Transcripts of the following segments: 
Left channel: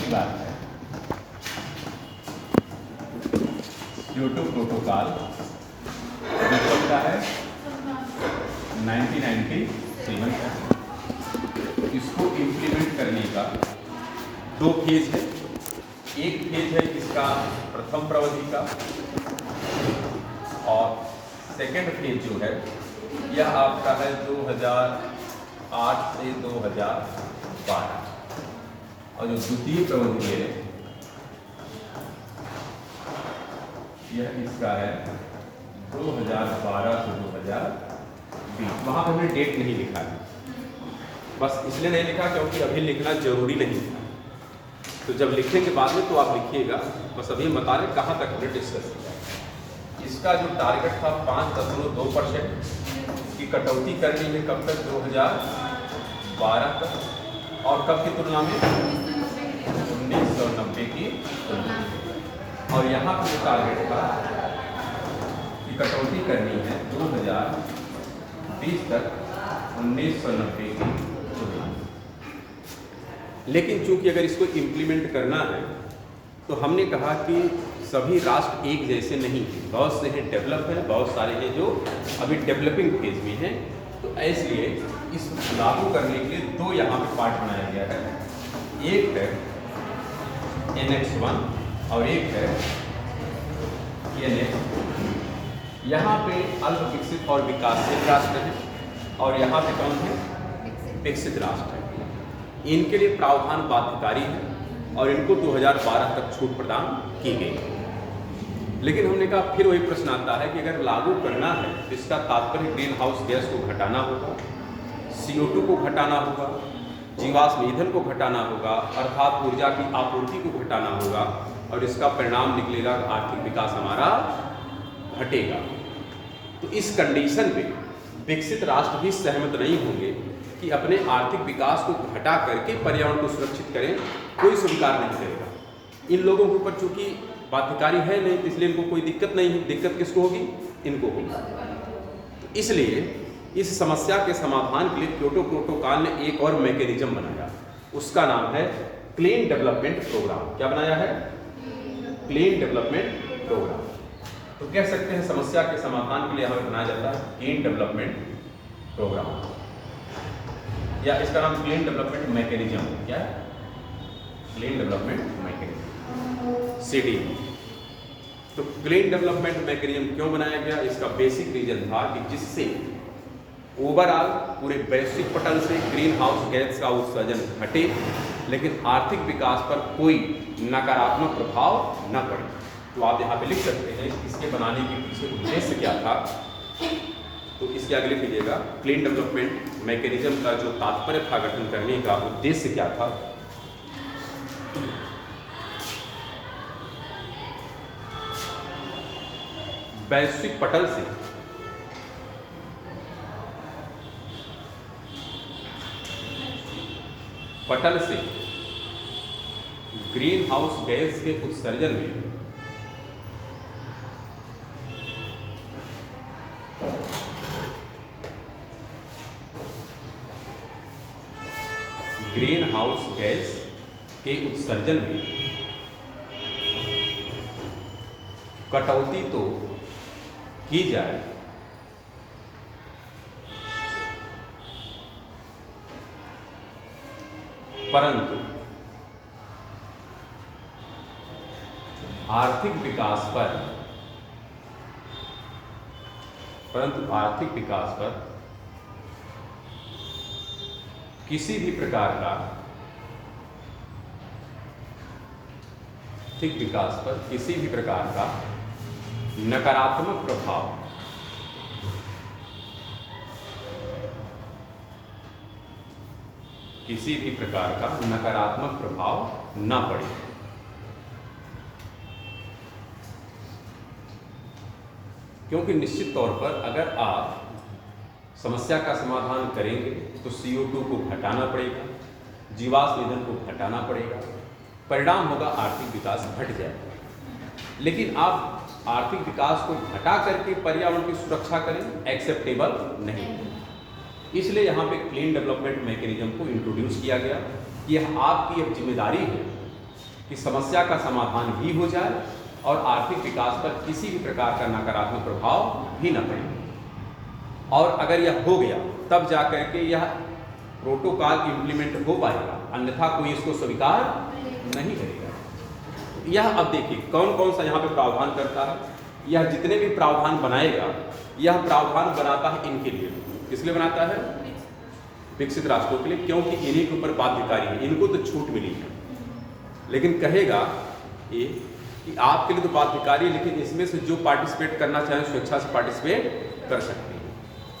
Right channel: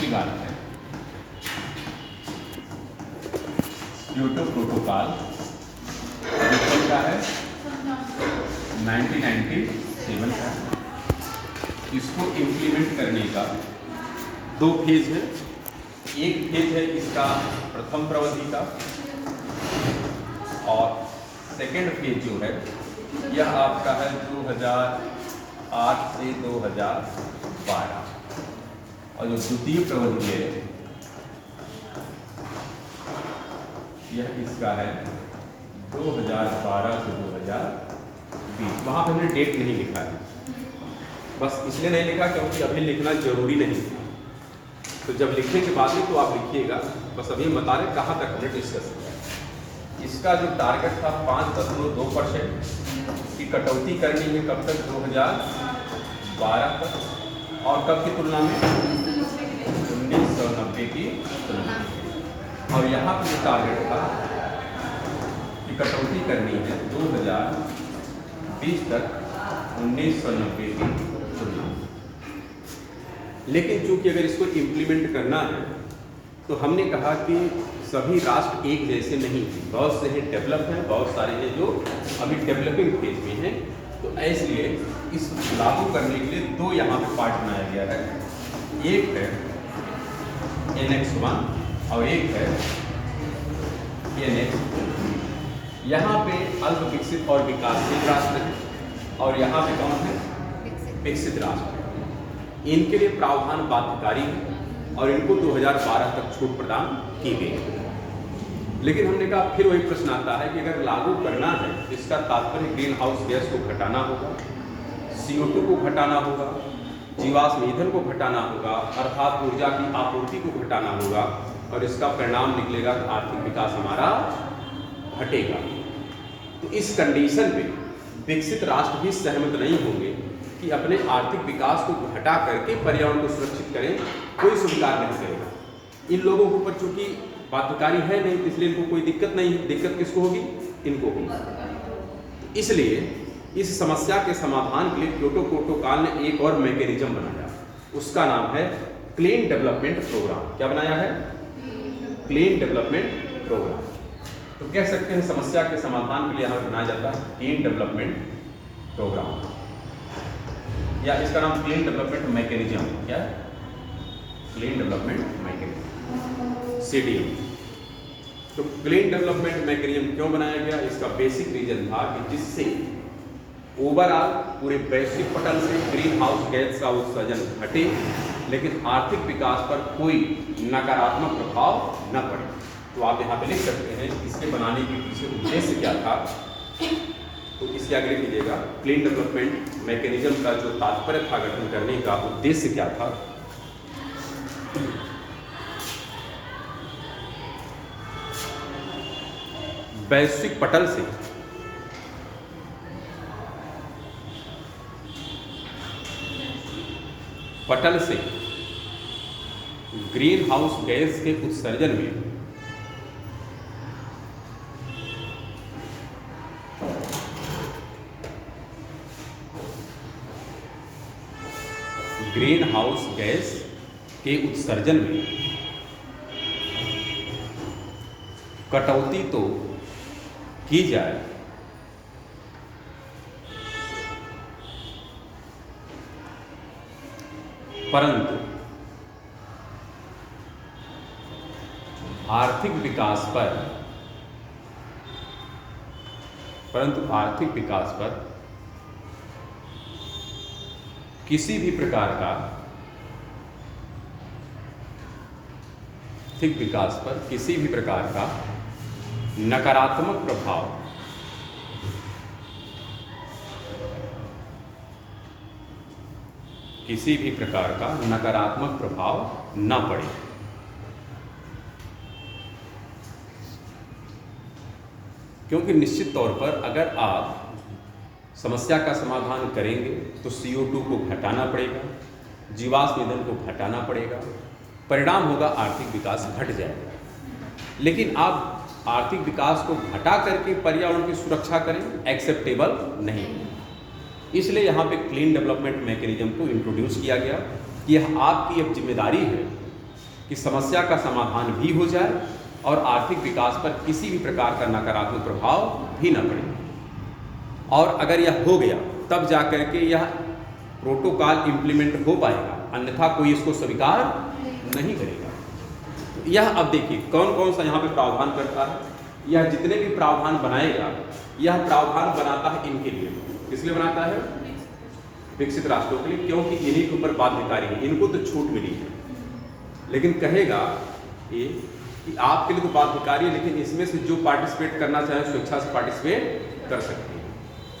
दूसरी बात है, क्योटो प्रोटोकॉल कब का है? 1997 का। इसको इम्प्लीमेंट करने का 2 फेज है। एक फेज है इसका प्रथम प्रवधि का, और सेकेंड फेज जो है यह आपका है 2008 से 2012, और जो द्वितीय प्रवधि है यह इसका है 2012 से 2020। वहाँ पे हमने डेट नहीं लिखा है, बस इसलिए नहीं लिखा क्योंकि अभी लिखना जरूरी नहीं। तो जब लिखने के बाद में तो आप लिखिएगा, बस अभी बता रहे कहाँ तक हमने डिस्कस किया। इसका जो टारगेट था 5.2% की कटौती करनी है, कब तक? 2012 तक, और कब की तुलना में? 1990 की तुलना में। और यहाँ पर जो टारगेट था कि कटौती करनी है 2020 तक 1990 की तुलना में। लेकिन चूंकि अगर इसको इम्प्लीमेंट करना है तो हमने कहा कि सभी राष्ट्र एक जैसे नहीं, बहुत से हैं डेवलप हैं, बहुत सारे हैं जो अभी डेवलपिंग फेज में हैं। तो इसलिए इस लागू करने के लिए 2 यहाँ पे पार्ट बनाया गया है। एक है Annex 1 और एक है Annex 2। यहाँ पे अल्प विकसित और विकासशील राष्ट्र है, और यहाँ पे कौन है? विकसित राष्ट्र। इनके लिए प्रावधान बाध्यकारी है और इनको 2012 तक छूट प्रदान की गई। लेकिन हमने कहा फिर वही प्रश्न आता है कि अगर लागू करना है तो इसका तात्पर्य ग्रीन हाउस गैस को घटाना होगा, CO2 को घटाना होगा, जीवाश्म ईंधन को घटाना होगा, अर्थात ऊर्जा की आपूर्ति को घटाना होगा, और इसका परिणाम निकलेगा कि आर्थिक विकास हमारा घटेगा। तो इस कंडीशन पे विकसित राष्ट्र भी सहमत नहीं होंगे कि अपने आर्थिक विकास को घटा करके पर्यावरण को सुरक्षित करें, कोई स्वीकार नहीं करेगा। इन लोगों के ऊपर चूंकि बाध्यकारी है नहीं, इसलिए इनको कोई दिक्कत नहीं है। दिक्कत किसको होगी? इनको होगी। इसलिए इस समस्या के समाधान के लिए क्योटो प्रोटोकॉल ने एक और मैकेनिज्म बनाया, उसका नाम है क्लीन डेवलपमेंट प्रोग्राम। क्या बनाया है? Clean development programme. तो कह सकते हैं समस्या के समाधान के लिए हमें बनाया जाता है क्लीन डेवलपमेंट प्रोग्राम, या इसका नाम क्लीन डेवलपमेंट मैकेनिज्म। क्या है? Clean development mechanism, CD। तो क्लीन डेवलपमेंट मैकेनिज्म क्यों बनाया गया? इसका बेसिक रीजन था कि जिससे ओवरऑल पूरे वैश्विक पटल से ग्रीन हाउस गैस का उत्सर्जन घटे, लेकिन आर्थिक विकास पर कोई नकारात्मक प्रभाव न पड़े। तो आप यहाँ पे लिख सकते हैं इसके बनाने के पीछे उद्देश्य क्या था। तो इसके आगे लिख लीजिएगा, क्लीन डेवलपमेंट मैकेनिज्म का जो तात्पर्य था गठन करने का उद्देश्य क्या था। वैश्विक पटल से ग्रीन हाउस गैस के उत्सर्जन में ग्रीन हाउस गैस के उत्सर्जन में कटौती तो की जाए, परंतु आर्थिक विकास पर किसी भी प्रकार का नकारात्मक प्रभाव न पड़े। क्योंकि निश्चित तौर पर अगर आप समस्या का समाधान करेंगे तो CO2 को घटाना पड़ेगा, जीवाश्म ईंधन को घटाना पड़ेगा, परिणाम होगा आर्थिक विकास घट जाएगा। लेकिन आप आर्थिक विकास को घटा करके पर्यावरण की सुरक्षा करें, एक्सेप्टेबल नहीं है। इसलिए यहाँ पे क्लीन डेवलपमेंट मैकेनिज्म को इंट्रोड्यूस किया गया कि यह आपकी अब जिम्मेदारी है कि समस्या का समाधान भी हो जाए और आर्थिक विकास पर किसी भी प्रकार का नकारात्मक प्रभाव भी न पड़े। और अगर यह हो गया तब जा करके यह प्रोटोकॉल इम्प्लीमेंट हो पाएगा, अन्यथा कोई इसको स्वीकार नहीं करेगा। यह अब देखिए कौन कौन सा यहाँ पे प्रावधान करता है। यह जितने भी प्रावधान बनाएगा, यह प्रावधान बनाता है इनके लिए। किस लिए बनाता है? विकसित राष्ट्रों के लिए, क्योंकि इन्हीं के ऊपर बाध्यकारी है, इनको तो छूट मिली है। लेकिन कहेगा ये कि आपके लिए तो बाध्यकारी है, लेकिन इसमें से जो पार्टिसिपेट करना चाहे स्वेच्छा से पार्टिसिपेट कर सकते हैं।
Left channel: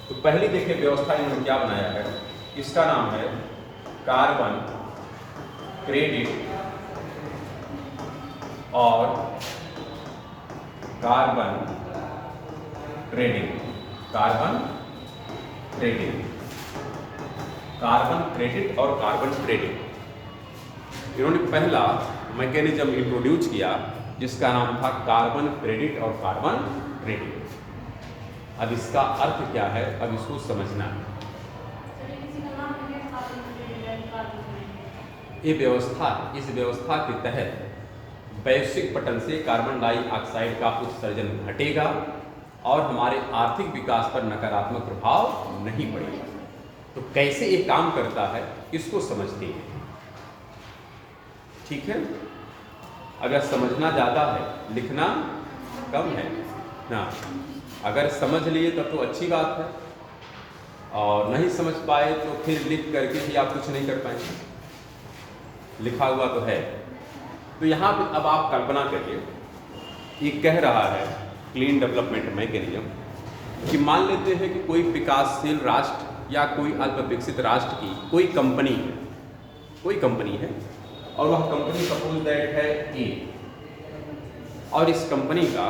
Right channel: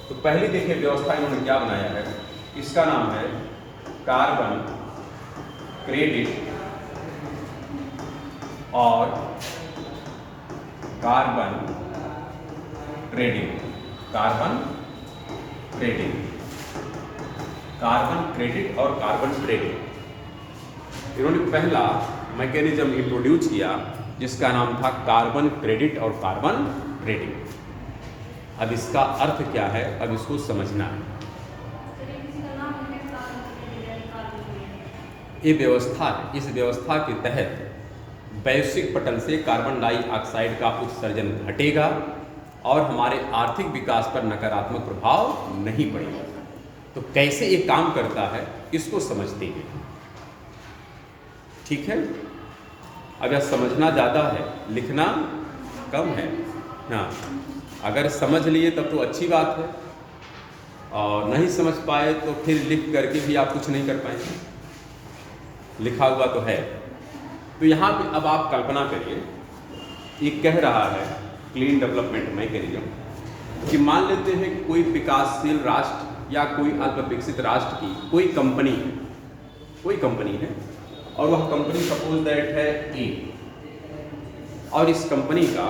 तो पहले देखिए व्यवस्था इन्होंने क्या बनाया है, इसका नाम है कार्बन क्रेडिट और carbon trading. Carbon trading, carbon credit और कार्बन ट्रेडिंग। इन्होंने पहला मैकेनिज्म इंट्रोड्यूस किया जिसका नाम था कार्बन क्रेडिट और कार्बन ट्रेडिंग। अब इसका अर्थ क्या है, अब इसको समझना है। ये व्यवस्था है, इस व्यवस्था के तहत वैश्विक पटल से कार्बन डाइऑक्साइड का उत्सर्जन घटेगा और हमारे आर्थिक विकास पर नकारात्मक प्रभाव नहीं पड़ेगा। तो कैसे ये काम करता है इसको समझते हैं, ठीक है। अगर समझना ज़्यादा है, लिखना कम है ना। अगर समझ लिए तब तो अच्छी बात है, और नहीं समझ पाए तो फिर लिख करके भी आप कुछ नहीं कर पाएंगे, लिखा हुआ तो है। तो यहाँ पे अब आप कल्पना करिए, ये कह रहा है क्लीन डेवलपमेंट मैकेनिज्म कि मान लेते हैं कि कोई विकासशील राष्ट्र या कोई अल्प विकसित राष्ट्र की कोई कंपनी है और वह कंपनी सपोज दैट है ए, और इस कंपनी का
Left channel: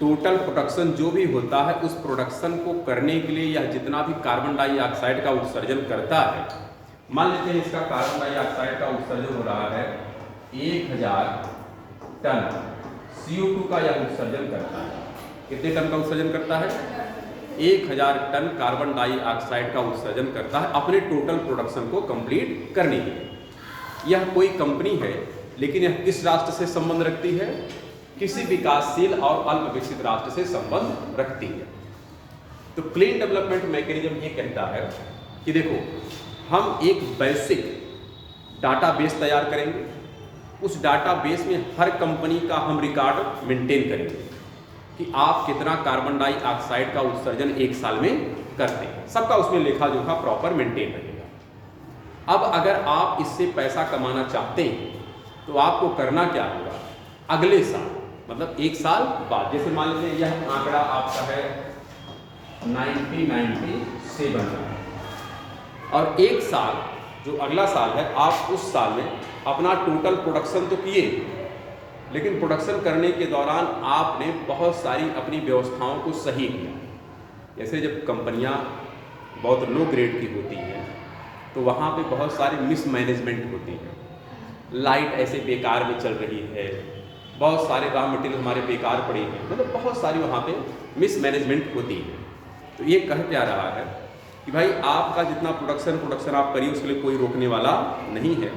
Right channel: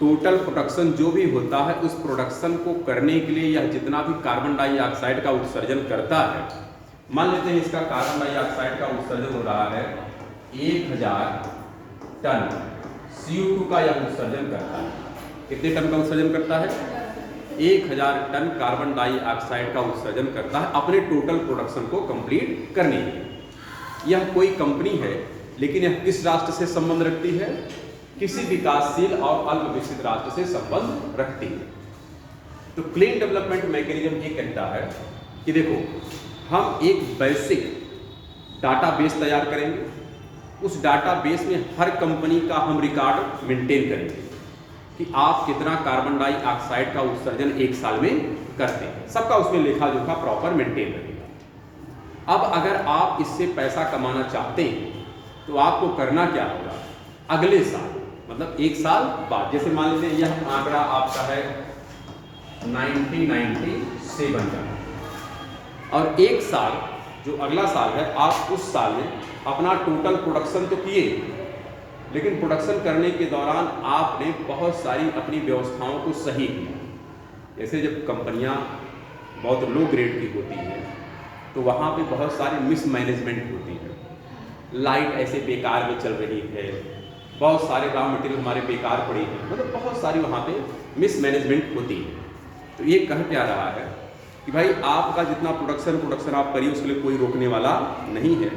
टोटल प्रोडक्शन जो भी होता है उस प्रोडक्शन को करने के लिए यह जितना भी कार्बन डाइऑक्साइड का उत्सर्जन करता है, मान लेते हैं इसका कार्बन डाइऑक्साइड का उत्सर्जन हो रहा है 1000 टन, CO2 का यह उत्सर्जन करता है। कितने टन का उत्सर्जन करता है? 1000 टन कार्बन डाइऑक्साइड का उत्सर्जन करता है अपने टोटल प्रोडक्शन को कंप्लीट करने के लिए। यह कोई कंपनी है, लेकिन यह किस राष्ट्र से संबंध रखती है? किसी विकासशील और अल्प विकसित राष्ट्र से संबंध रखती है। तो क्लीन डेवलपमेंट मैकेनिज्म ये कहता है कि देखो, हम एक वैश्विक डाटाबेस तैयार करेंगे, उस डाटाबेस में हर कंपनी का हम रिकॉर्ड मेंटेन करेंगे कि आप कितना कार्बन डाइऑक्साइड का उत्सर्जन एक साल में करते हैं, सबका उसमें लेखा जोखा प्रॉपर मेंटेन रहेगा। अब अगर आप इससे पैसा कमाना चाहते हैं तो आपको करना क्या होगा? अगले साल, मतलब एक साल बाद, जैसे मान लीजिए यह आंकड़ा आपका है 1997 का, और एक साल जो अगला साल है, आप उस साल में अपना टोटल प्रोडक्शन तो किए, लेकिन प्रोडक्शन करने के दौरान आपने बहुत सारी अपनी व्यवस्थाओं को सही किया। जैसे जब कंपनियां बहुत लो ग्रेड की होती हैं तो वहाँ पे बहुत सारी मिसमैनेजमेंट होती है, लाइट ऐसे बेकार में चल रही है, बहुत सारे रॉ मटेरियल हमारे बेकार पड़े हैं, मतलब बहुत सारी वहाँ पे मिसमैनेजमेंट होती है। तो ये कह क्या रहा है कि भाई आपका जितना प्रोडक्शन आप करिए, उसके लिए कोई रोकने वाला नहीं है।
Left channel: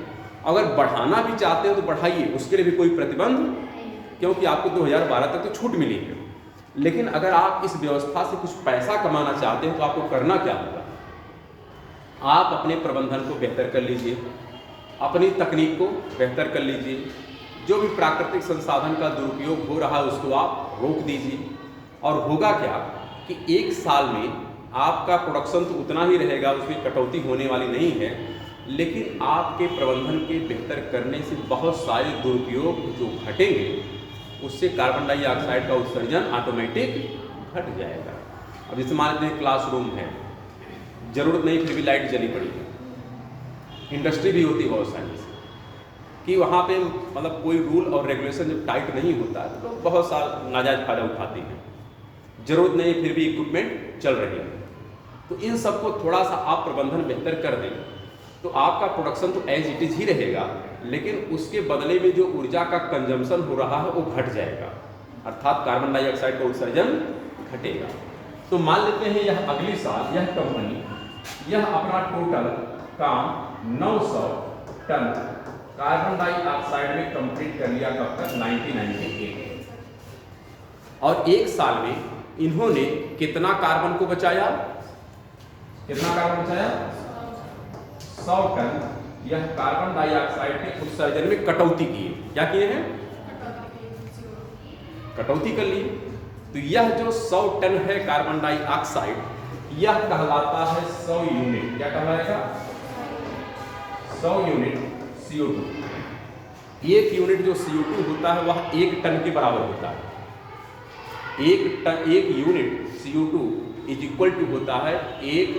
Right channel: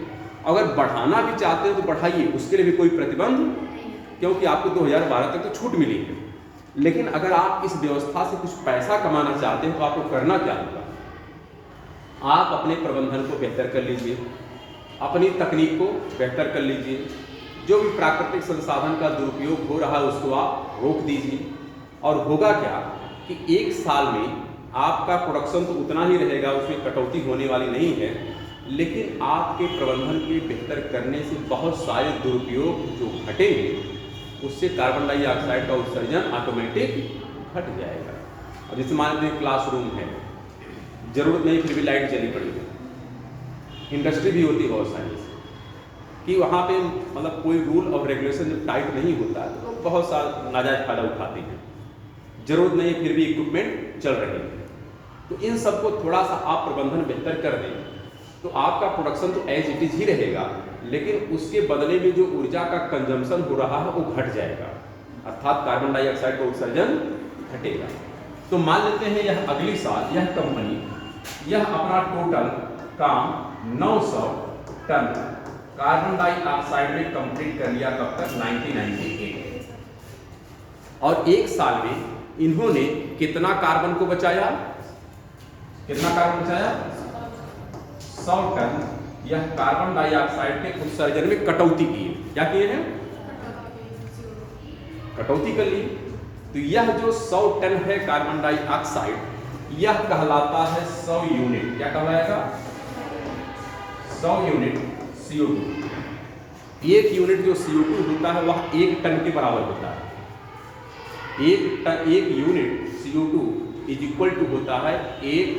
अगर बढ़ाना भी चाहते हैं तो बढ़ाइए, उसके लिए भी कोई प्रतिबंध, क्योंकि आपको 2012 तक तो छूट मिली है। लेकिन अगर आप इस व्यवस्था से कुछ पैसा कमाना चाहते हैं तो आपको करना क्या होगा? आप अपने प्रबंधन को बेहतर कर लीजिए, अपनी तकनीक को बेहतर कर लीजिए, जो भी प्राकृतिक संसाधन का दुरुपयोग हो रहा है उसको आप रोक दीजिए। और होगा क्या कि एक साल में आपका प्रोडक्शन तो उतना ही रहेगा, उसमें कटौती होने वाली नहीं है, लेकिन आपके प्रबंधन के बेहतर करने से बहुत सारे दुरुपयोग जो घटेंगे, उससे कार्बन डाइऑक्साइड का उत्सर्जन ऑटोमेटिक घट जाएगा। अब जैसे मान लीजिए क्लासरूम है, जरूरत नहीं फिर भी लाइट जली पड़ी है, इंडस्ट्री भी होती है बहुत सारी कि वहाँ पे मतलब कोई रूल और रेगुलेशन जो टाइट नहीं होता है तो बहुत सारा नाजायज फायदा उठाते हैं, जरूरत नहीं फिर भी इक्विपमेंट चल रही है। तो इन सबको थोड़ा सा आप प्रबंधन बेहतर कर दें तो आपका प्रोडक्शन तो एज इट इज ही रहेगा, लेकिन उसके बदले में जो ऊर्जा का कंजम्पशन हो रहा है वो घट जाएगा, अर्थात कार्बन डाइऑक्साइड का उत्सर्जन घटेगा। तो मान लेते हैं यह अगली साल यह कंपनी यह अपना टोटल काम 900 टन कार्बन डाइऑक्साइड में कंप्लीट कर लिया कब तक? 1998। और एक साल में इन्होंने कितना कार्बन को बचाया? कितना कार्बन बचाया? 100 टन यह कार्बन डाइऑक्साइड के उत्सर्जन में कटौती की है। क्या किए हैं? कटौती कर ली। तो यह जो 100 टन है कार्बन डाइऑक्साइड, यह कहलाता है 100 यूनिट। क्या कहलाएगा? 100 यूनिट CO2। एक यूनिट जो CO2 होता है वह 1 टन के बराबर होता है। एक unit CO2 is equal to होता है 1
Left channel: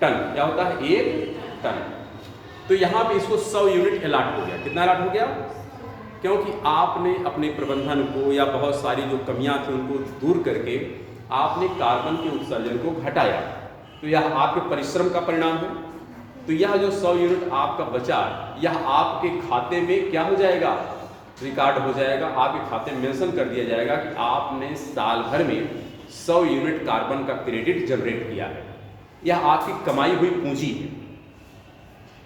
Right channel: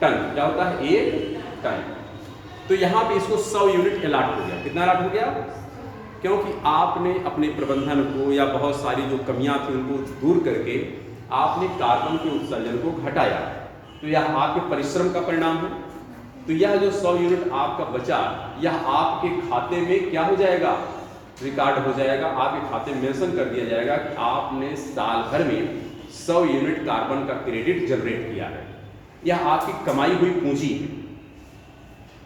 टन। क्या होता है? 1 टन। तो यहाँ पे इसको 100 यूनिट अलाट हो गया। कितना अलाट हो गया? क्योंकि आपने अपने प्रबंधन को या बहुत सारी जो कमियां थी उनको दूर करके आपने कार्बन के उत्सर्जन को घटाया। तो यह आपके परिश्रम का परिणाम है। तो यह जो 100 यूनिट आपका बचा, यह आपके खाते में क्या हो जाएगा? रिकॉर्ड हो जाएगा। आपके खाते में मेंशन कर दिया जाएगा कि आपने साल भर में 100 यूनिट कार्बन का क्रेडिट जनरेट किया है। यह आपकी कमाई हुई पूंजी है।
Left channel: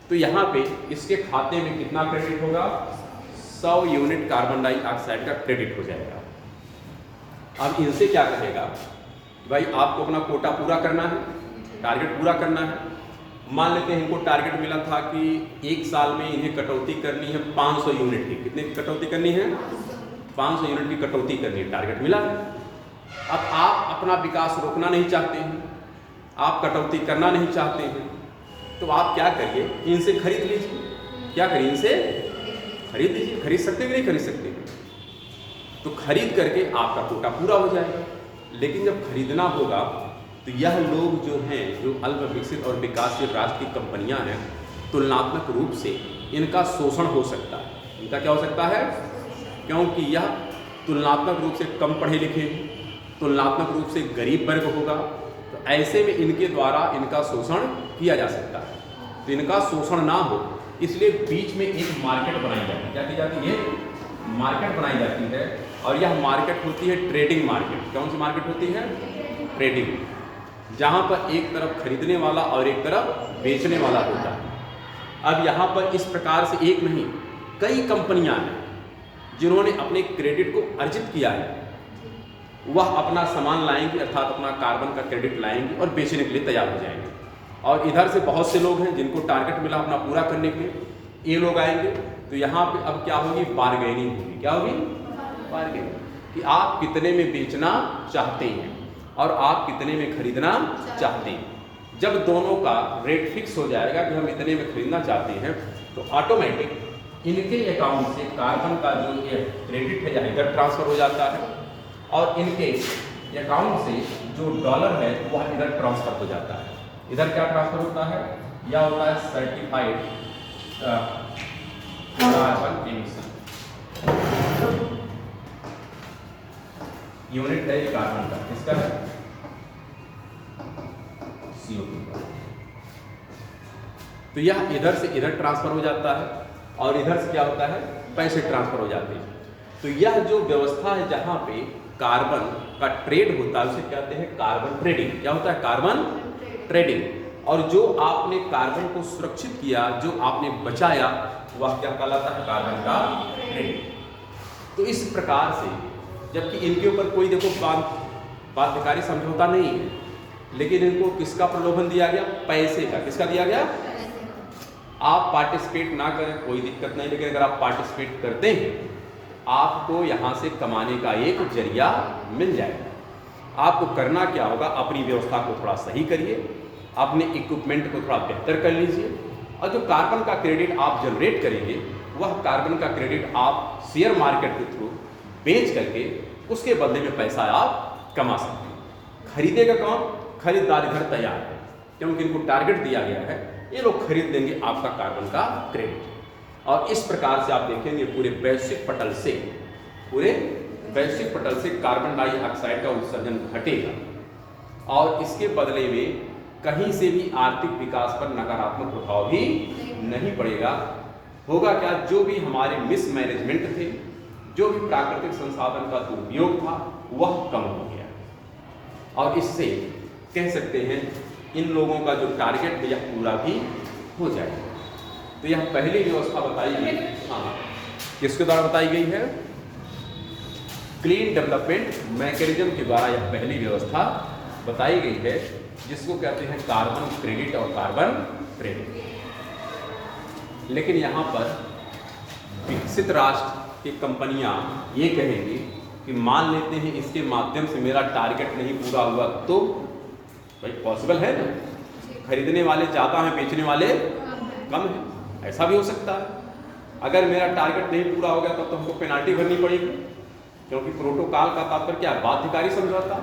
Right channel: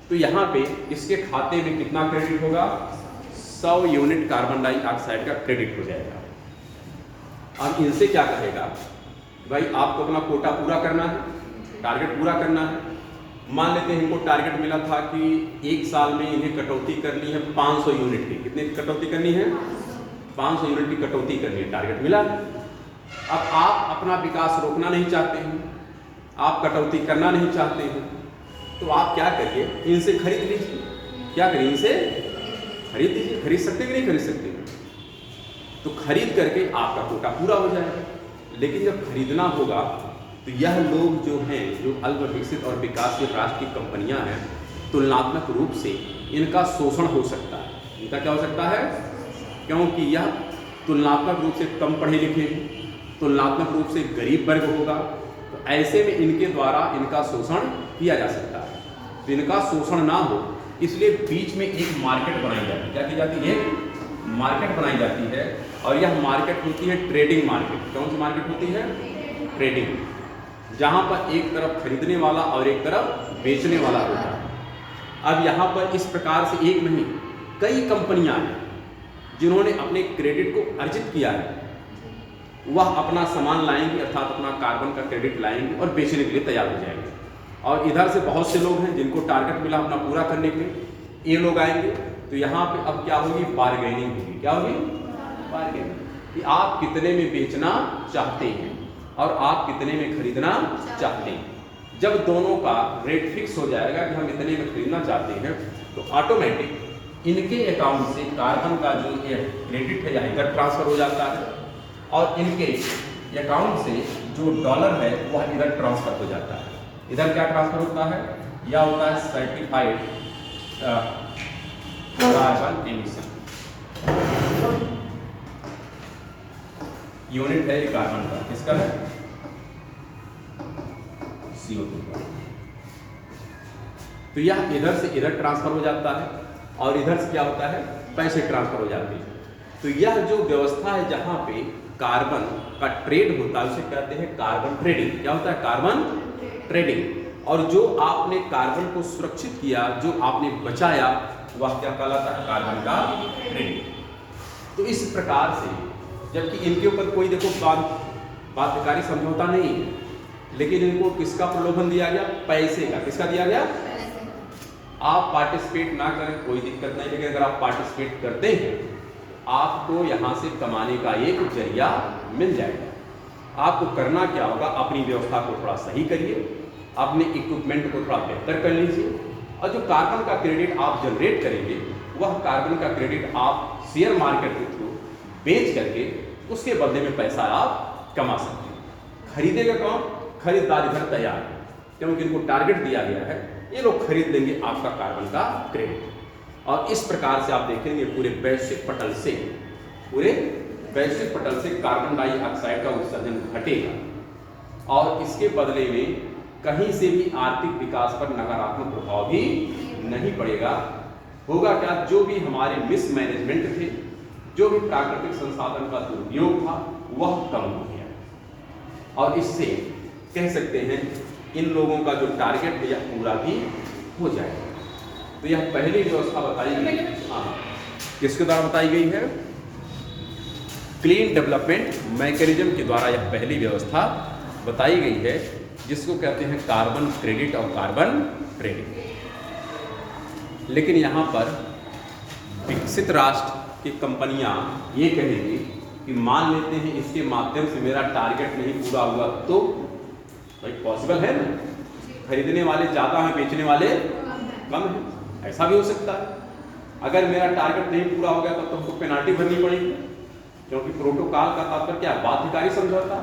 तो यहाँ पे इसके खाते में कितना क्रेडिट होगा? 100 यूनिट कार्बन डाइऑक्साइड का क्रेडिट हो जाएगा। अब इनसे क्या कहेगा? भाई आपको अपना कोटा पूरा करना है, टारगेट पूरा करना है। मान लेते हैं इनको टारगेट मिला था कि एक साल में इन्हें कटौती करनी है 500 यूनिट की। कितने की कटौती करनी है? 500 यूनिट की कटौती करनी है, टारगेट मिला है। अब आप अपना विकास रोकना नहीं चाहते हैं, आप कटौती करना नहीं चाहते हैं, तो आप क्या करिए? इनसे खरीद लीजिए। क्या करिए? इनसे खरीद लीजिए। खरीद सकते कि नहीं खरीद सकते? तो खरीद करके आपका कोटा पूरा हो जाएगा। लेकिन जब खरीदना होगा तो यह लोग जो हैं, जो अल्प विकसित और विकासशील राष्ट्र की कंपनियां हैं, तुलनात्मक रूप से इनका शोषण हो सकता है। इनका क्या हो सकता है? क्योंकि यह तुलनात्मक रूप से कम पढ़े लिखे हैं, तुलनात्मक रूप से गरीब वर्ग होगा। तो ऐसे में इनके द्वारा इनका शोषण किया जा सकता है। तो इनका शोषण ना हो इसलिए बीच में एक मार्केट बनाई जाती है। क्या की जाती है? मार्केट बनाई जाती है। और यह मार्केट होती है ट्रेडिंग मार्केट। कौन सी मार्केट होती है? ट्रेडिंग, जहाँ पर एक तरफ खरीदने वाला और एक तरफ बेचने वाला होता है। अब यहाँ पर इस प्रकार से एक नहीं कई कंपनियाँ हैं जिन्होंने अपने क्रेडिट को अर्जित किया है। वह अपना सामान लाएंगे, अर्थात अपना कार्बन का क्रेडिट लाएंगे और बेचने के लिए तैयार हो जाएंगे। और इधर से बहुत से लोग हैं जिनको टारगेट मिला अपना पूरा करने के, ये लोग आएंगे। तो यहाँ पे अब क्या होगी? बार्गेनिंग होगी। क्या होगी? बार्गेनिंग, कि आप कितने में बेचना चाहते हैं और आप कितने में खरीदना चाहते हैं। जब दोनों का रेट फिक्स हो जाएगा कि हम इतने में खरीदना चाहते हैं, तो ऑटोमेटिक इनके अकाउंट से कार्बन का जो ये क्रेडिट है या इधर ट्रांसफर हो जाता है और इनके अकाउंट से जो डॉलर है वह इधर ट्रांसफर हो जाता है। इधर क्या ट्रांसफर होता है? यह होता है सर्टिफाइड कार्बन एमिशन यूनिट है। ये कार्बन का किसका है? CO2 का। तो यह इधर से इधर ट्रांसफर हो जाता है और इधर से क्या होता है? पैसे ट्रांसफर हो जाते हैं। तो यह जो व्यवस्था है जहां पे कार्बन का ट्रेड होता है उसे कहते हैं कार्बन ट्रेडिंग। क्या होता है? Carbon trading. और जो आपने कार्बन को सुरक्षित किया, जो आपने बचाया, वह क्या कहलाता है? कार्बन का ट्रेडिंग। तो इस प्रकार से, जबकि इनके ऊपर कोई देखो बाध्यकारी समझौता नहीं है, लेकिन इनको किसका प्रलोभन दिया गया? पैसे का। किसका दिया गया? आप पार्टिसिपेट ना करें कोई दिक्कत नहीं, लेकिन अगर आप पार्टिसिपेट करते हैं आपको यहाँ से कमाने का एक जरिया मिल जाएगा। आपको करना क्या होगा? अपनी व्यवस्था को थोड़ा सही करिए, अपने इक्विपमेंट को थोड़ा बेहतर कर लीजिए और जो कार्बन का क्रेडिट आप जनरेट करेंगे वह कार्बन का क्रेडिट आप शेयर मार्केट के थ्रू बेच करके उसके बदले में पैसा आप कमा सकते हैं। खरीदेगा कौन? खरीदार इधर तैयार है, क्योंकि इनको टारगेट दिया गया है, ये लोग खरीद लेंगे आपका कार्बन का क्रेडिट। और इस प्रकार से आप देखेंगे पूरे वैश्विक पटल से कार्बन डाइऑक्साइड का उत्सर्जन घटेगा और इसके बदले में कहीं से भी आर्थिक विकास पर नकारात्मक प्रभाव भी नहीं पड़ेगा। होगा क्या? जो भी हमारे मिसमैनेजमेंट थे, जो भी प्राकृतिक संसाधन का दुरुपयोग था, वह कम हो गया और इससे कह सकते हैं इन लोगों का जो टारगेट है यह पूरा भी हो जाएगा। तो यह पहली व्यवस्था बताई गई, हाँ, किसके द्वारा बताई गई है? क्लीन डेवलपमेंट मैकेनिज्म के द्वारा यह पहली व्यवस्था बताई गई है, जिसको कहते हैं कार्बन क्रेडिट और कार्बन ट्रेडिंग। लेकिन यहाँ पर विकसित राष्ट्र की कंपनियां ये कहेंगी कि मान लेते हैं इसके माध्यम से मेरा टारगेट नहीं पूरा हुआ, तो भाई पॉसिबल है ना, खरीदने वाले ज़्यादा हैं, बेचने वाले कम हैं, ऐसा भी हो सकता है। अगर मेरा टारगेट नहीं पूरा हो गया तब तो हमको पेनाल्टी भरनी पड़ेगी, क्योंकि प्रोटोकॉल का तात्पर्य क्या है? बाध्यकारी समझौता।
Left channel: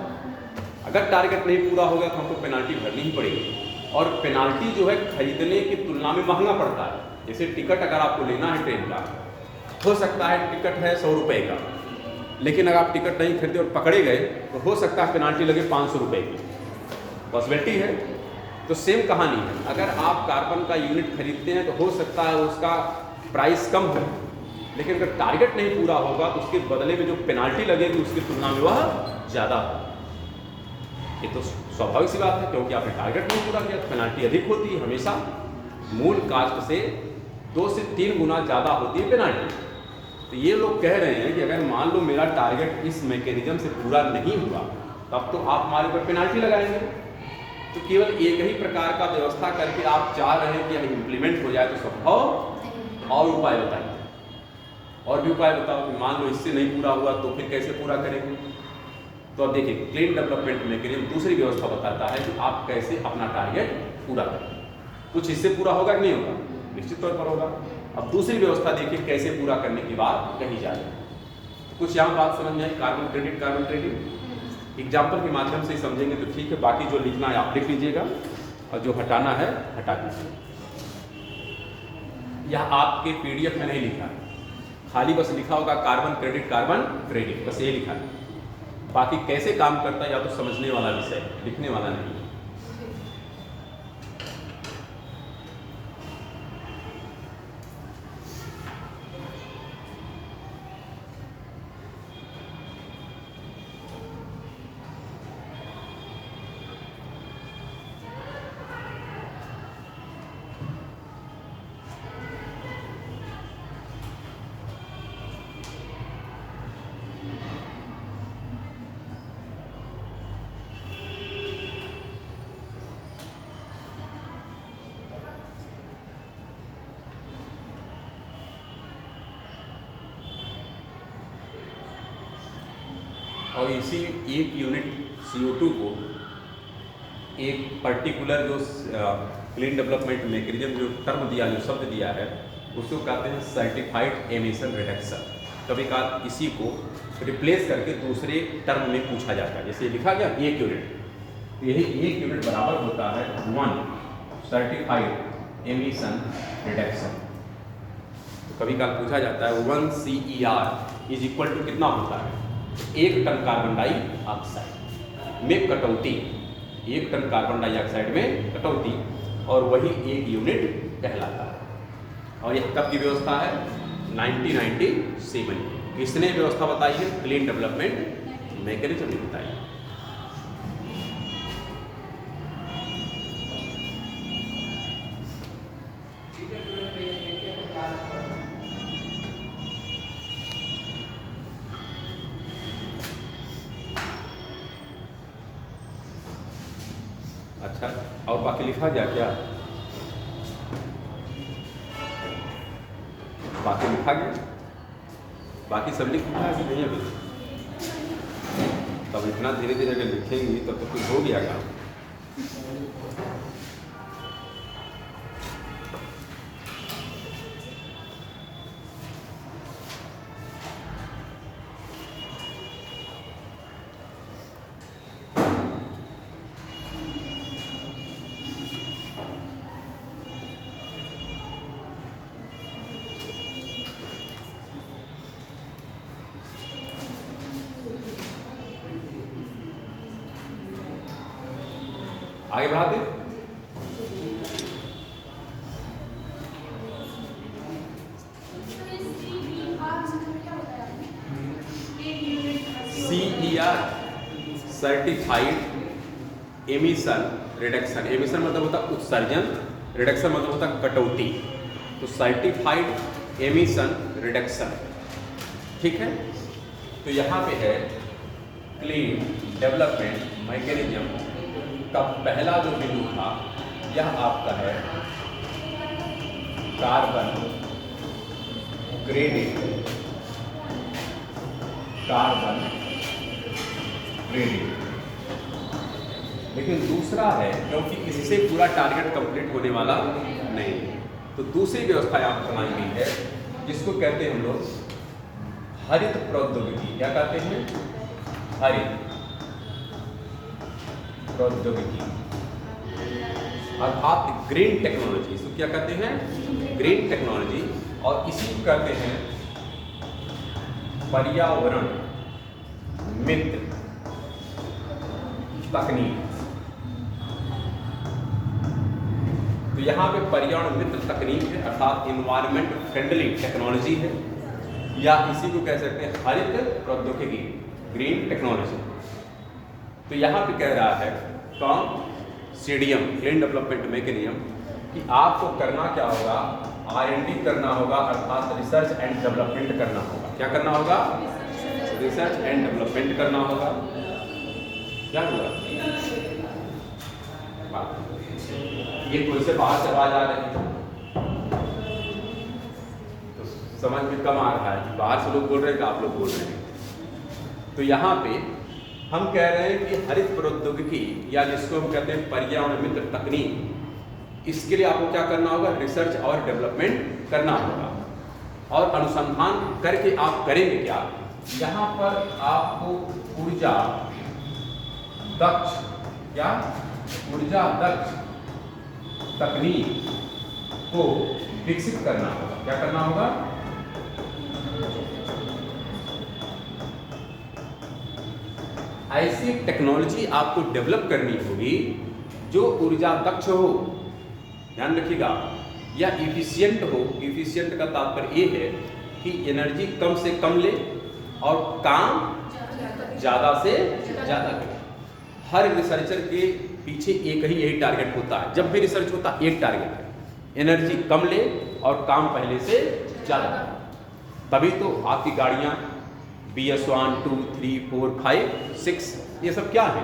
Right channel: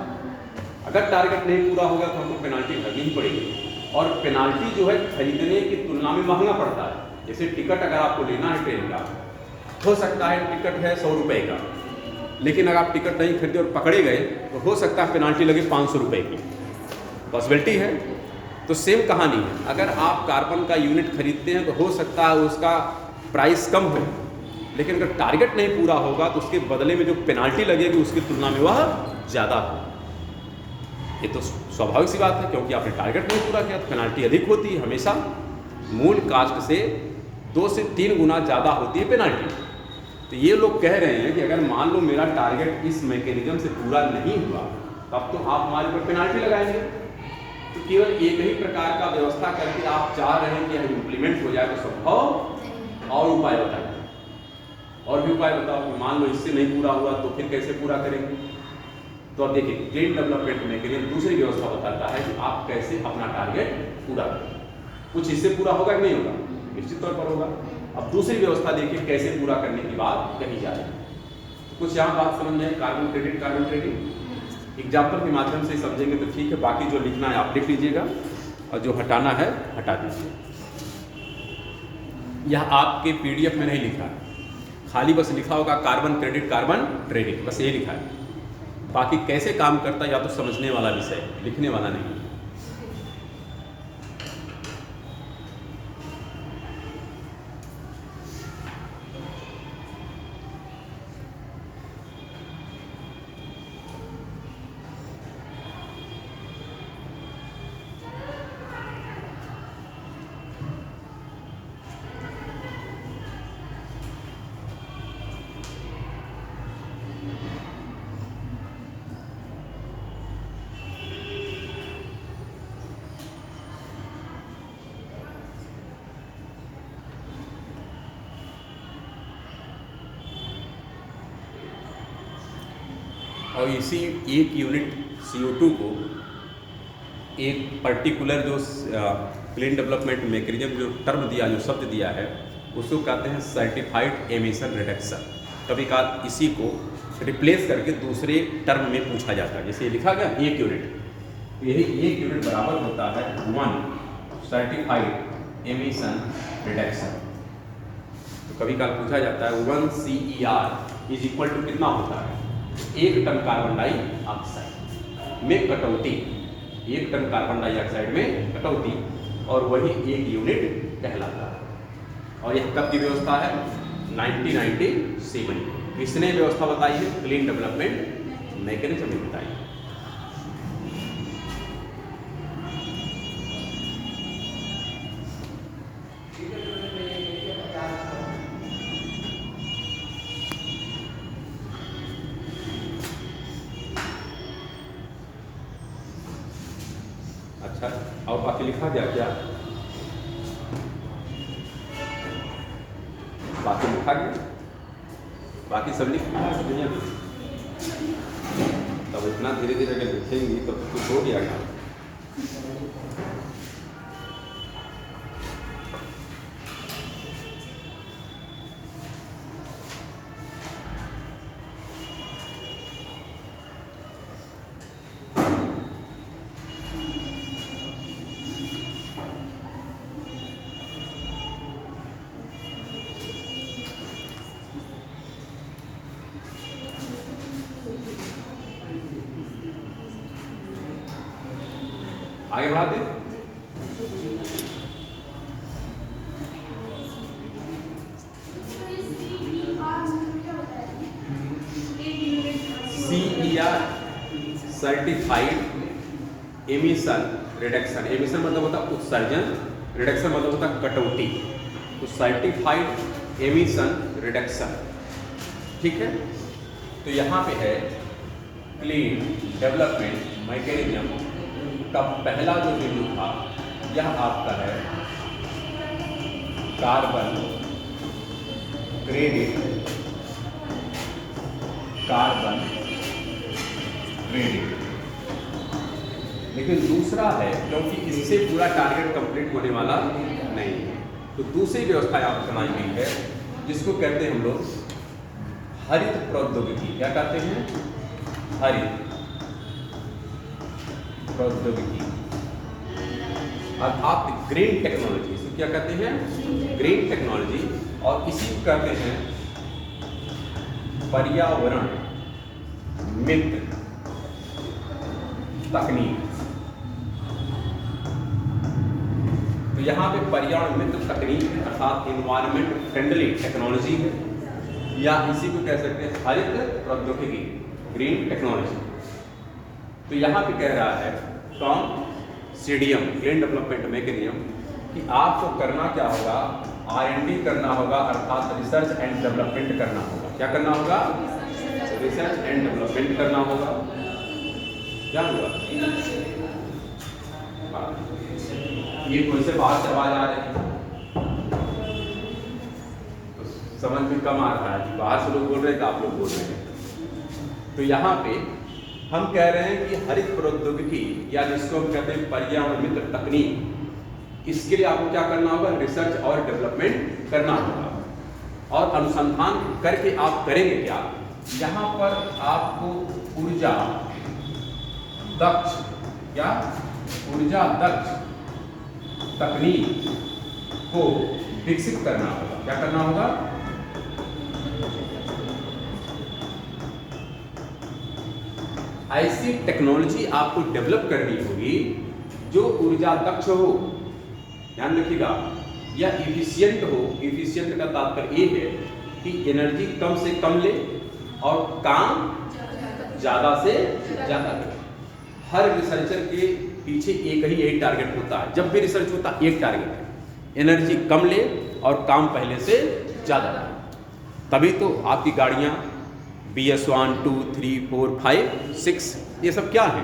अगर टारगेट नहीं पूरा होगा तो हमको पेनाल्टी भरनी ही पड़ेगी, और पेनाल्टी जो है खरीदने की तुलना में महंगा पड़ता है। जैसे टिकट अगर आपको लेना है ट्रेन का, हो सकता है टिकट है 100 रुपये का, लेकिन अगर आप टिकट नहीं खरीदे और पकड़े गए तो हो सकता है पेनाल्टी लगे 500 रुपये की, पॉसिबिलिटी है। तो सेम कहानी है, अगर आप कार्बन का यूनिट खरीदते हैं तो हो सकता है उसका प्राइस कम हो, लेकिन अगर टारगेट नहीं पूरा होगा तो उसके बदले में जो पेनाल्टी लगेगी उसकी तुलना में वह ज़्यादा हो। ये तो स्वाभाविक सी बात है, क्योंकि आपने टारगेट नहीं पूरा किया तो पेनाल्टी अधिक होती है, हमेशा मूल कास्ट से 2 से 3 गुना ज़्यादा होती है पेनाल्टी। तो ये लोग कह रहे हैं कि अगर मान लो मेरा टारगेट इस मैकेनिज्म से पूरा नहीं हुआ, तब तो आप हमारे ऊपर पेनाल्टी लगाएंगे। तो केवल एक ही प्रकार का व्यवस्था करके आप चाह रहे हैं कि यह इम्प्लीमेंट हो जाए, तो संभव और उपाय बताइए, और भी उपाय बताओ कि मान लो इससे नहीं पूरा हुआ तो फिर कैसे पूरा करेंगे। तो अब देखिए, क्लीन डेवलपमेंट मैकेनिज्म दूसरी व्यवस्था बताता है कि आप कैसे अपना टारगेट पूरा करें। कुछ इससे पूरा होगा कि नहीं होगा? निश्चित तौर पर होगा। अब दूसरी व्यवस्था देखिए कैसे पूरा करने की बात कही जा रही है। कुछ यहाँ बात समझ में, carbon credit, carbon trading example के माध्यम से समझेंगे तो ठीक है, बाकी जो लिखना है आप लिख लीजिएगा और जो हटाना है हटा दीजिए। यह आपके PDF में नहीं लिखा है, खाली बस लिखा होगा कार्बन क्रेडिट, कार्बन ट्रेडिंग, बस ये लिखा है। बाकी कैसे काम करता है या तो समझने वाला विषय है, लिखने वाला नहीं। और इसी एक यूनिट CO2 को एक पर्टिकुलर जो क्लीन डेवलपमेंट मैकेनिज्म जो टर्म दिया, जो शब्द दिया है, उसको कहते हैं सर्टिफाइड एमिशन रिडक्शन। कभी कभार इसी को रिप्लेस करके दूसरे टर्म में पूछा जाता है। जैसे लिखा गया 1 यूनिट, यही 1 यूनिट बराबर होता है 1 सर्टिफाइड एमिशन रिडक्शन। तो कभी कभार पूछा जाता है 1 CER इज इक्वल टू कितना होता है? 1 टन कार्बन डाइऑक्साइड में कटौती, 1 टन कार्बन डाइऑक्साइड में कटौती, और वही 1 यूनिट कहलाता है। और यह कब की व्यवस्था है? 1997। किसने व्यवस्था बताई है? क्लीन डेवलपमेंट मैकेनिज्म ने बताई है। अच्छा, और बाकी लिखा जाए क्या? बाकी लिखा गया, बाकी सब लिखना है सब दुनिया में। तब इतना धीरे धीरे अगर लिखेंगी तब तो कुछ हो जाएगा। आगे बढ़ाते CER certified emission reduction. Emission मतलब होता है उत्सर्जन, रिडक्शन मतलब होता है कटौती। तो सर्टिफाइड एमिशन रिडक्शन, ठीक है। तो यहाँ पे है क्लीन डेवलपमेंट मैकेनिज्म का पहला जो बिंदु था यह आपका है कार्बन क्रेडिट, कार्बन क्रेडिट। लेकिन दूसरा है, क्योंकि इससे पूरा टारगेट कंप्लीट होने वाला नहीं, तो दूसरी व्यवस्था यहाँ पर बनाई गई है जिसको कहते हैं हम लोग हरित प्रौद्योगिकी। क्या कहते हैं? हरित प्रौद्योगिकी, अर्थात ग्रीन टेक्नोलॉजी। इसको क्या कहते हैं? Green technology. और इसी को कहते हैं पर्यावरण मित्र तकनीक। तो यहाँ पे पर्यावरण मित्र तकनीक है, अर्थात इन्वायरमेंट फ्रेंडली टेक्नोलॉजी है, या इसी को कह सकते हैं हरित प्रौद्योगिकी, ग्रीन टेक्नोलॉजी। तो यहाँ पे कह रहा है कौन? सीडीएम, ग्रीन डेवलपमेंट मैकेनिज्म, कि आपको करना क्या होगा? R&D करना होगा, अर्थात रिसर्च एंड डेवलपमेंट करना होगा। क्या करना होगा? रिसर्च एंड डेवलपमेंट करना होगा। क्या होगा? ये कोई से बाहर से आवाज आ रही है, तो समझ में कम आ रहा है, बाहर से लोग बोल रहे हैं कि आप लोग बोल रहे हैं। तो यहाँ पे हम कह रहे हैं कि हरित प्रौद्योगिकी, या जिसको हम कहते हैं पर्यावरण मित्र तकनीक, इसके लिए आपको क्या करना होगा? रिसर्च और डेवलपमेंट करना होगा। और अनुसंधान करके आप करेंगे क्या? यहाँ पर आपको ऊर्जा दक्ष, क्या? ऊर्जा दक्ष तकनीक को विकसित करना होगा। क्या करना होगा? ऐसी टेक्नोलॉजी आपको डेवलप करनी होगी जो ऊर्जा दक्ष हो, ध्यान रखिएगा, या इफिशिएंट हो। इफिशिएंट का तात्पर्य ये है कि एनर्जी कम से कम ले और काम ज़्यादा से ज़्यादा करे। हर रिसर्चर के पीछे एक ही यही टारगेट होता है, जब भी रिसर्च होता है एक टारगेट है, एनर्जी कम ले और काम पहले से ज़्यादा करे। तभी तो आपकी गाड़ियाँ BS1, 2, 3, 4, 5, 6 ये सब क्या है?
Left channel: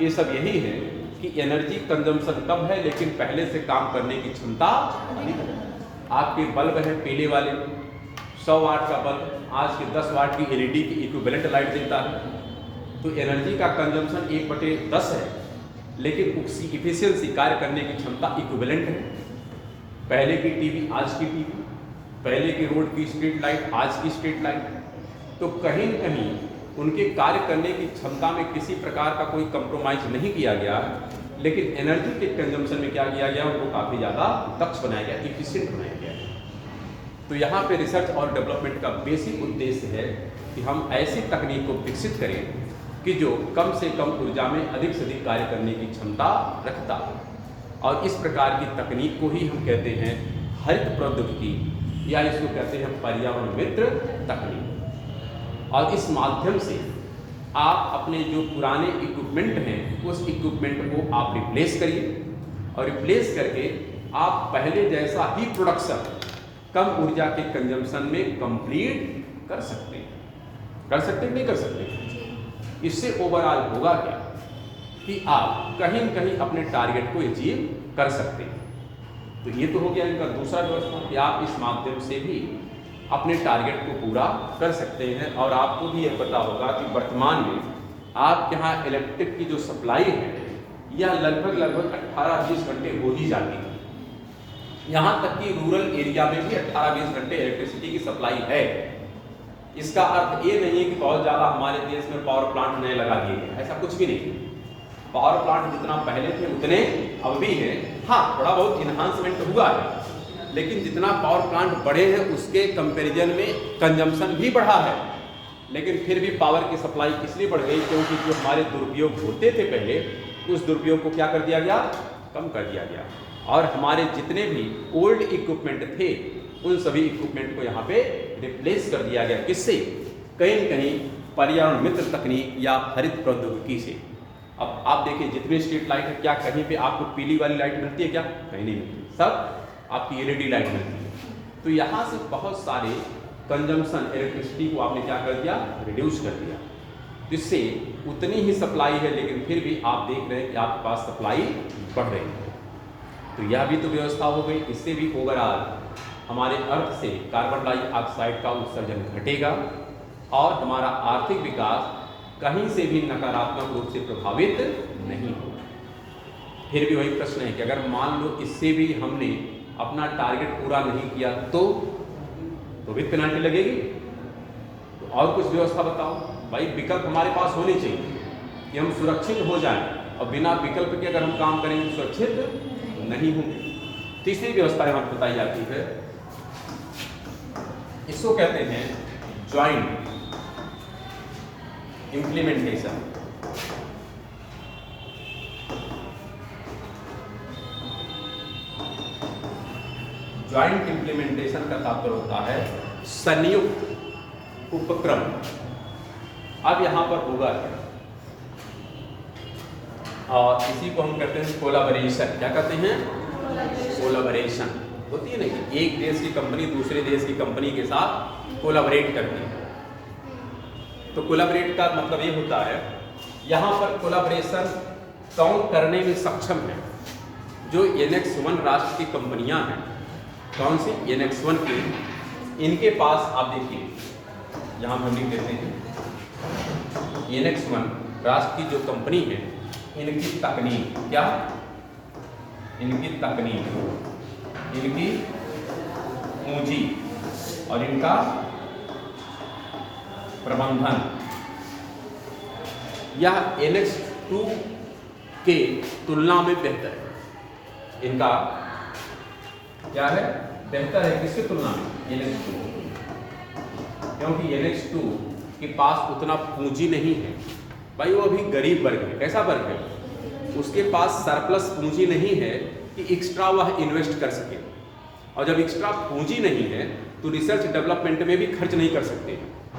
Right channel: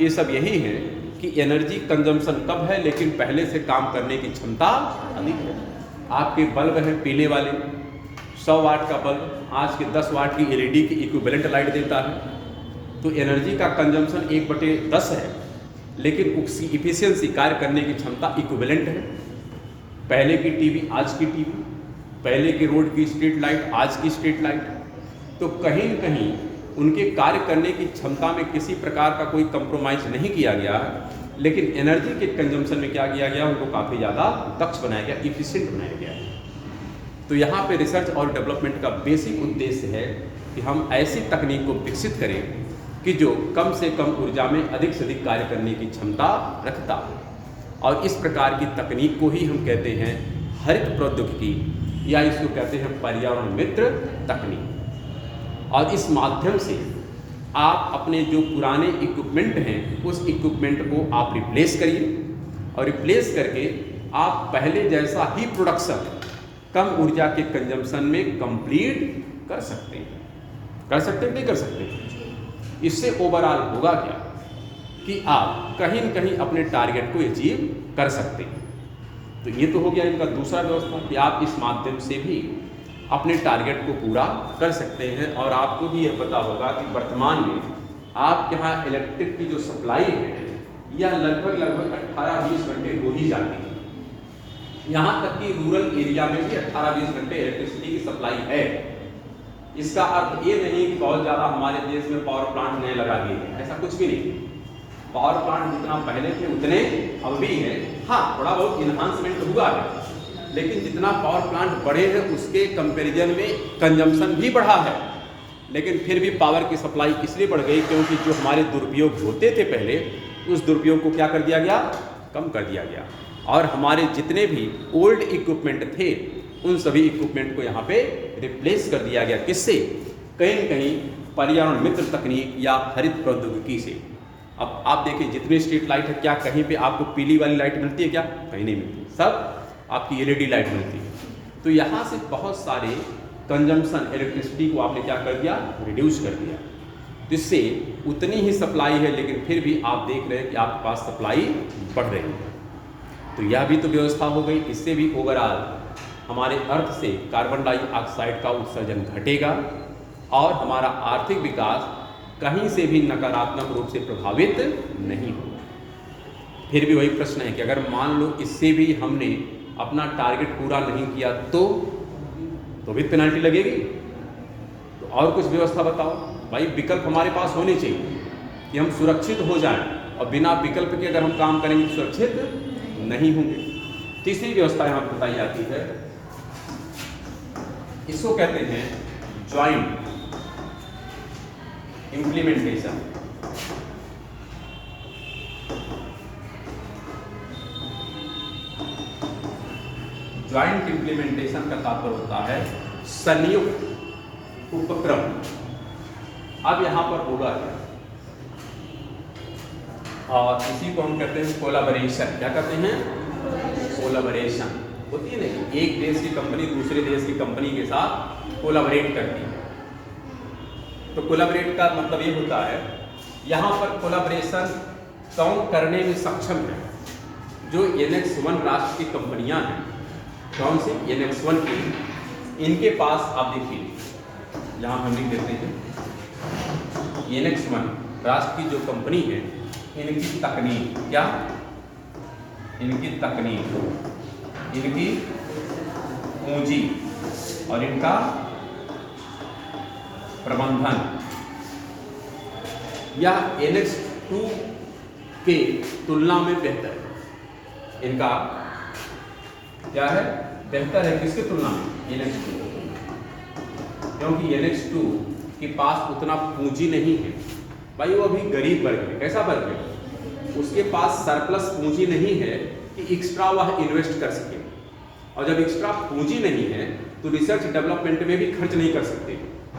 ये सब यही है कि एनर्जी कंजम्पशन कम है लेकिन पहले से काम करने की क्षमता अधिक है। आपके बल्ब हैं पीले वाले, 100 वाट का बल्ब आज के 10 वाट की LED की इक्विवेलेंट लाइट देता है, तो एनर्जी का कंजम्पशन 1/10 है, लेकिन उसकी इफिशियंसी, कार्य करने की क्षमता इक्विवेलेंट है। पहले की टीवी आज की टीवी, पहले की रोड की स्ट्रीट लाइट आज की स्ट्रीट लाइट, तो कहीं न कहीं उनके कार्य करने की क्षमता में किसी प्रकार का कोई कंप्रोमाइज नहीं किया गया, लेकिन एनर्जी के कंजम्पशन में क्या किया गया? उनको काफ़ी ज़्यादा दक्ष बनाया गया, इफिशिएंट बनाया गया। तो यहाँ पे रिसर्च और डेवलपमेंट का बेसिक उद्देश्य है कि हम ऐसी तकनीक को विकसित करें कि जो कम से कम ऊर्जा में अधिक से अधिक कार्य करने की क्षमता रखता हो। और इस प्रकार की तकनीक को ही हम कहते हैं हरित प्रौद्योगिकी, या इसको कहते हैं पर्यावरण मित्र तकनीक। और इस माध्यम से आप अपने जो पुराने इक्विपमेंट हैं उस इक्विपमेंट को आप रिप्लेस करिए, और रिप्लेस करके आप पहले जैसा ही प्रोडक्शन कम ऊर्जा के कंजम्पशन में कंप्लीट कर सकते हैं। कर सकते हैं, नहीं कर सकते? इससे ओवरऑल होगा क्या कि आप कहीं न कहीं अपने टारगेट को अचीव कर सकते हैं। तो ये तो हो गया इनका दूसरा व्यवस्था कि आप इस माध्यम से भी अपने टारगेट को पूरा कर सकते हैं। और आपको भी यह पता होगा कि वर्तमान में आपके यहाँ इलेक्ट्रिक की जो सप्लाई है यह लगभग 18-20 घंटे हो ही जाती है। यहाँ तक कि रूरल एरिया में भी 18-20 घंटे इलेक्ट्रिसिटी की सप्लाई है। इसका अर्थ ये नहीं है कि बहुत ज़्यादा हमारे देश में पावर प्लांट नए लगा दिए हैं, ऐसा कुछ भी नहीं। पावर प्लांट जितना पहले थे उतने अब भी हैं। हाँ, थोड़ा बहुत इन्हांसमेंट हुआ है, लेकिन जितना पावर प्लांट बढ़े हैं उसके कंपैरिजन में कंजम्पशन भी बढ़ा है। लेकिन फिर भी पावर की सप्लाई इसलिए बढ़ गई क्योंकि जो हमारे दुरुपयोग होते थे पहले, उस दुरुपयोग को क्या कर दिया गया? कम कर दिया गया। और हमारे जितने भी ओल्ड इक्विपमेंट थे उन सभी इक्विपमेंट को यहाँ पे रिप्लेस कर दिया गया। किससे? कहीं न कहीं पर्यावरण मित्र तकनीक या हरित प्रौद्योगिकी से। अब आप देखिए जितने स्ट्रीट लाइट है, क्या कहीं पे आपको पीली वाली लाइट मिलती है? क्या कहीं नहीं मिलती, सब आपकी LED लाइट मिलती है। तो यहाँ से बहुत सारे कंजम्पशन इलेक्ट्रिसिटी को आपने क्या कर दिया, रिड्यूस कर दिया। जिससे उतनी ही सप्लाई है लेकिन फिर भी आप देख रहे हैं कि आपके पास सप्लाई बढ़ रही है। तो यह भी तो व्यवस्था हो गई। इससे भी ओवरऑल हमारे अर्थ से कार्बन डाइऑक्साइड का उत्सर्जन घटेगा और हमारा आर्थिक विकास कहीं से भी नकारात्मक रूप से प्रभावित नहीं होगा। फिर भी वही प्रश्न है कि अगर मान लो इससे भी हमने अपना टारगेट पूरा नहीं किया तो भी पेनल्टी लगेगी। तो और कुछ व्यवस्था बताओ भाई। विकल्प हमारे पास होने चाहिए कि हम सुरक्षित हो जाएं, और बिना विकल्प के अगर हम काम करेंगे तो सुरक्षित नहीं होंगे। तीसरी व्यवस्था यहाँ बताई जाती है, इसको कहते हैं ज्वाइंट इम्प्लीमेंटेशन। ज्वाइंट इम्प्लीमेंटेशन का तात्पर्य होता है संयुक्त उपक्रम। अब यहां पर होगा और इसी को हम कहते हैं कोलैबोरेशन। क्या कहते हैं? कोलैबोरेशन। होती है ना कि एक देश की कंपनी दूसरे देश की कंपनी के साथ कोलैबोरेट करती है। तो कोलैबोरेट का मतलब ये होता है यहाँ पर कोलैबोरेशन काउंट करने में सक्षम है जो एनेक्स 1 राष्ट्र की कंपनियां हैं। कौन सी? एनेक्स 1 की। इनके पास आप देखिए जहाँ हम लिख देते हैं एनेक्स 1 राष्ट्र की जो कंपनी है, इनकी तकनीक क्या? इनकी तकनीक, इनकी पूंजी और इनका प्रबंधन यह एनेक्स 2 के तुलना में बेहतर है। इनका क्या है? बेहतर है। किसके तुलना में? एनेक्स 2 की तुलना। क्योंकि एनेक्स 2 के पास उतना पूंजी नहीं है भाई, वो अभी गरीब वर्ग है। कैसा वर्ग है? उसके पास सरप्लस पूंजी नहीं है कि एक्स्ट्रा वह इन्वेस्ट कर सके। और जब एक्स्ट्रा पूंजी नहीं है तो रिसर्च डेवलपमेंट में भी खर्च नहीं कर सकते,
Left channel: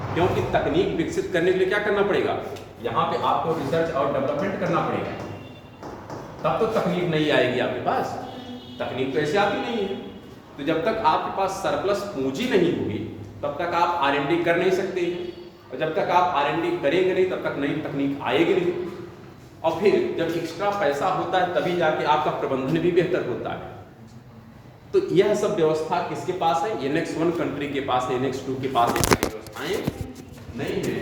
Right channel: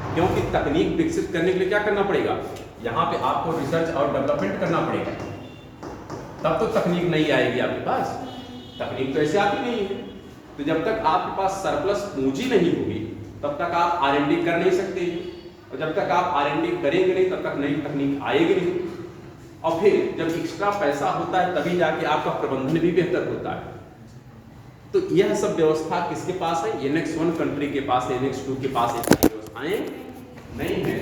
क्योंकि तकनीक विकसित करने के लिए क्या करना पड़ेगा? यहाँ पे आपको रिसर्च और डेवलपमेंट करना पड़ेगा, तब तो तकनीक नहीं आएगी आपके पास। तकनीक तो ऐसे आती नहीं है। तो जब तक आपके पास सरप्लस पूंजी नहीं होगी तब तक आप R&D कर नहीं सकते, और जब तक आप R&D करेंगे नहीं तब तक नई तकनीक आएगी नहीं। और फिर जब एक्स्ट्रा पैसा होता है तभी जाके आपका प्रबंधन भी बेहतर होता है। तो यह सब व्यवस्था किसके पास है? एनेक्स 1 कंट्री के पास है। एनेक्स 2 के पास व्यवस्थाएं नहीं है।